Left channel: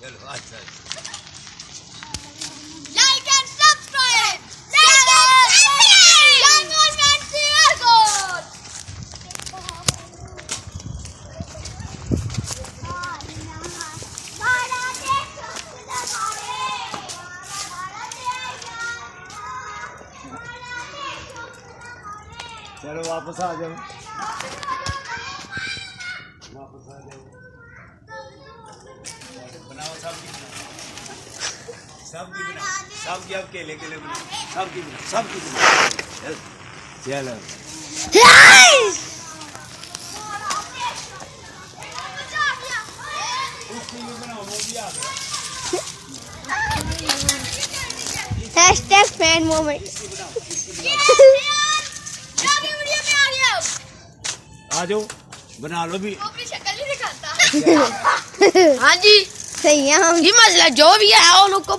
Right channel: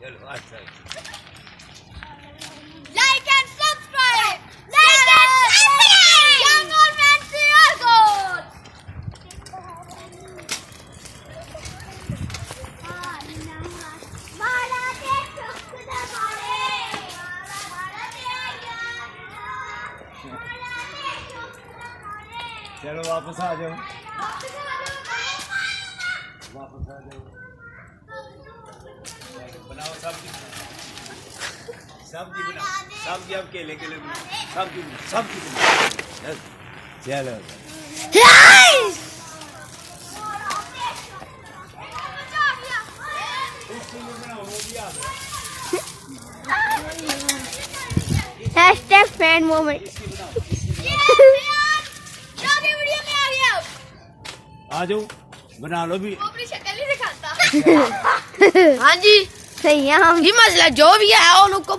चलो अच्छा like and subscribe like and government share code चलो वापस आ जाओ वापस आ जाओ बनाओ सब्जी बनाओ सब्जी अब केले बनाओ सब्जी बनाओ चलो हैशटैग फैन मोमेंट आ जाओ बना लो भी अपनी शक्ल ही दिखाता। हाँ जी सही है हम ये मसला जो भी है वो लोग को